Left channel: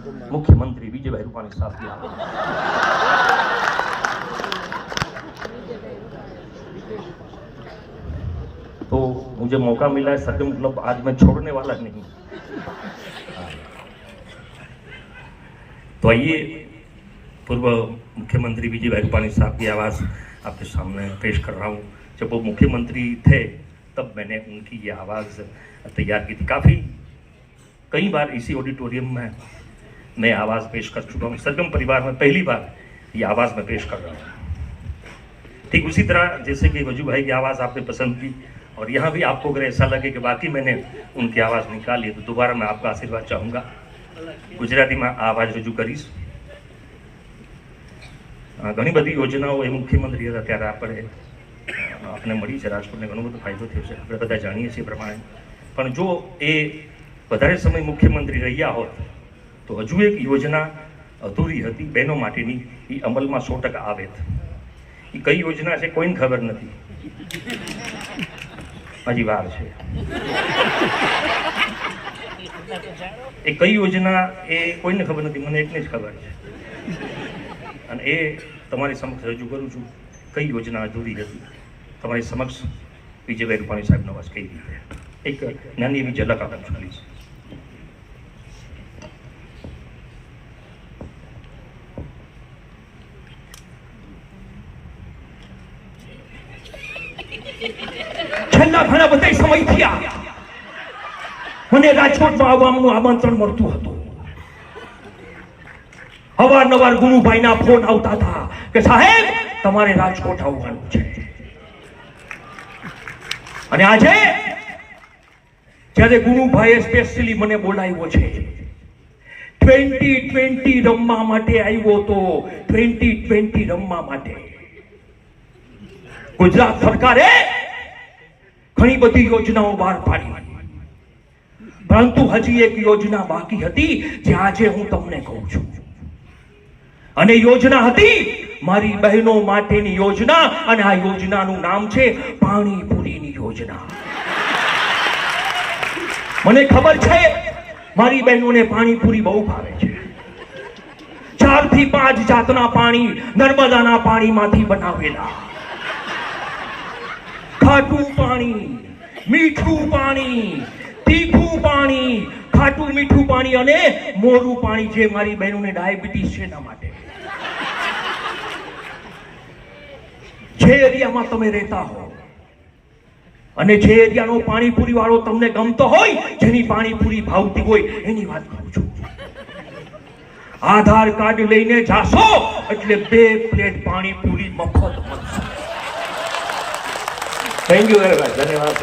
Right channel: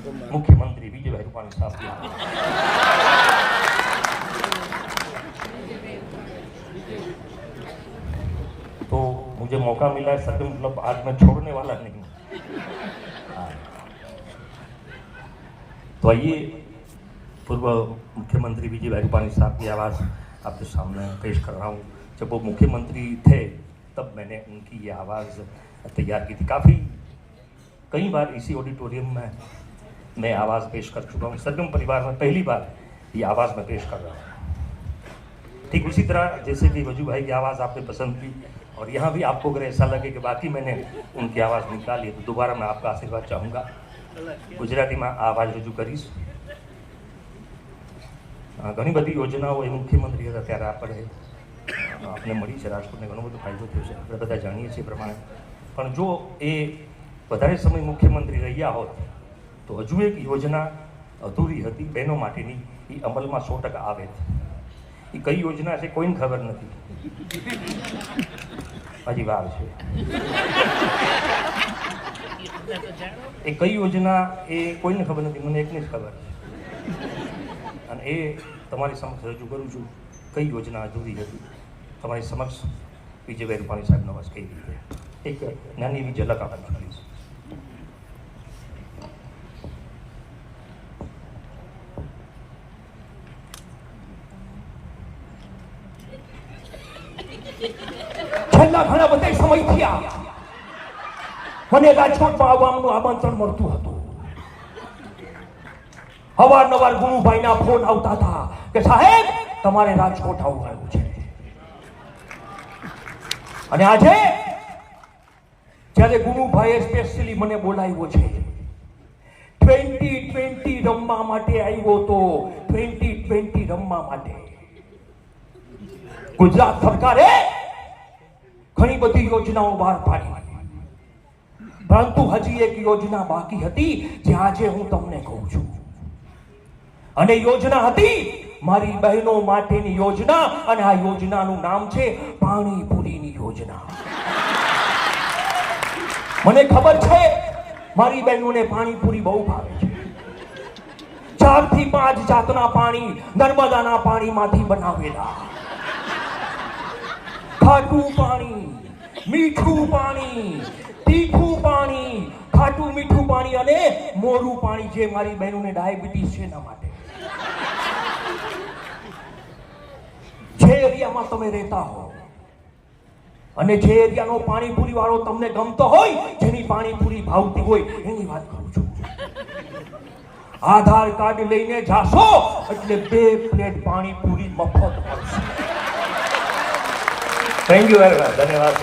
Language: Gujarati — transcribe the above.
मुख्यमंत्री विजय भाई रूपाणी साहब की। तो मुझे मौका मिला है सर, मतलब आज मैं छोड़ने वाला नहीं। तो आइए पूर्व मुख्यमंत्री विजय भाई रूपाणी साहब की आवाज़ आपके सामने पेश कर रहा हूँ। जब वो मुख्यमंत्री थे तब मैंने उनकी ये आवाज़ तैयार की थी। कई बार इसी ऑडिटोरियम में मैं आवाज़ पेश कर चुका हूँ। सरगम परिवार में पहली बार ये आवाज़ मैं पेश कर रहा हूँ। ठीक उसी तरह जैसे कि वजू भाई की आवाज़ आपने पसंद की, और यहाँ भी आपको अगर ऐसा लगे कि बाकी मैंने उनकी आवाज़ निकाली तो दोबारा मैं आपका आशीर्वाद चाहूँगा। गुजराती में आवाज़ रजू करीश। घणी बधी योजनाओं એ મુખ્યમંત્રી હતા ત્યારે આપણે આપને મળી છે, રાજકોટને ઘણો બધો ફાયદો થયો છે, આપણે બધા જાણીએ છીએ પ્રમાણે। પણ જો એ વધારે સમય મુખ્યમંત્રી રહ્યા હોત તો હજુ એક યોજના અધૂરી હતી બહેનો માટેની, એ અમલમાં 100% આવે। એ કઈ યોજના છે કોઈને ખબર નથી, હજી વાર છે। એ કઈ યોજના એ કોઈને ખબર નથી, મને એકને જ ખબર છે, અને એ તમારી સમક્ષ રજૂ કરું છું। કઈ યોજના અધૂરી હતી તમારી સમક્ષ વિજયભાઈ રૂપાણી સાહેબનો અવાજ કઈ રીતે, એક નાની એવી ઝલક આપણે જોઈશ। છેલ્લા ઘણા બધા સમય થયા મને રાજકોટમાં આવવાનું આમંત્રણ મળતું હતું। અવારનવાર ગુરુભાઈના ફોન આવતા હતા કે સાહેબ તમારે રાજકોટ આવવાનું છે। અને આજે જ્યારે ગુરુભાઈએ સ્પેશિયલી મને બોલાવ્યો છે, 2020 રમવા માટે આવ્યો તો 2020 રમવા માટે। ગુજરાત સરકારે ઘણી બધી યોજનાઓ બહાર પાડી, પરંતુ હજી એક યોજના બાકી હતી જે આજે હું તમને કહું છું। અને યોજના હતી મારી બહેનો માટેની યોજના, અને આ યોજનાનું નામ છે પાણીપુરીની યોજના। મને ખબર છે મારી બહેનોને પાણીપુરી બહુ ભાવે છે। 4 થી 5 જાતના પાણી નર્મદાના પાણીમાંથી બનાવેલા। ખાટું પાણી, મીઠું પાણી, તીખું પાણી, ખાટું મીઠું પાણી અને મોરું પાણી, જે મારી બહેનોને ડાયાબિટીસ છે એના માટે। જે એરિયામાં તમે રહેતા હો અને જે એરિયાનો પાણીપુરી વાળો તમને ગમતો હોય, જેની પાણીપુરી ભાવતી હોય, એની વાત કરું છું। આધાર કાર્ડ લઈને જાશો એટલે 2 પ્લેટ પાણીપુરી મફત। થેન્ક યુ વેરી મચ, ધન્યવાદ।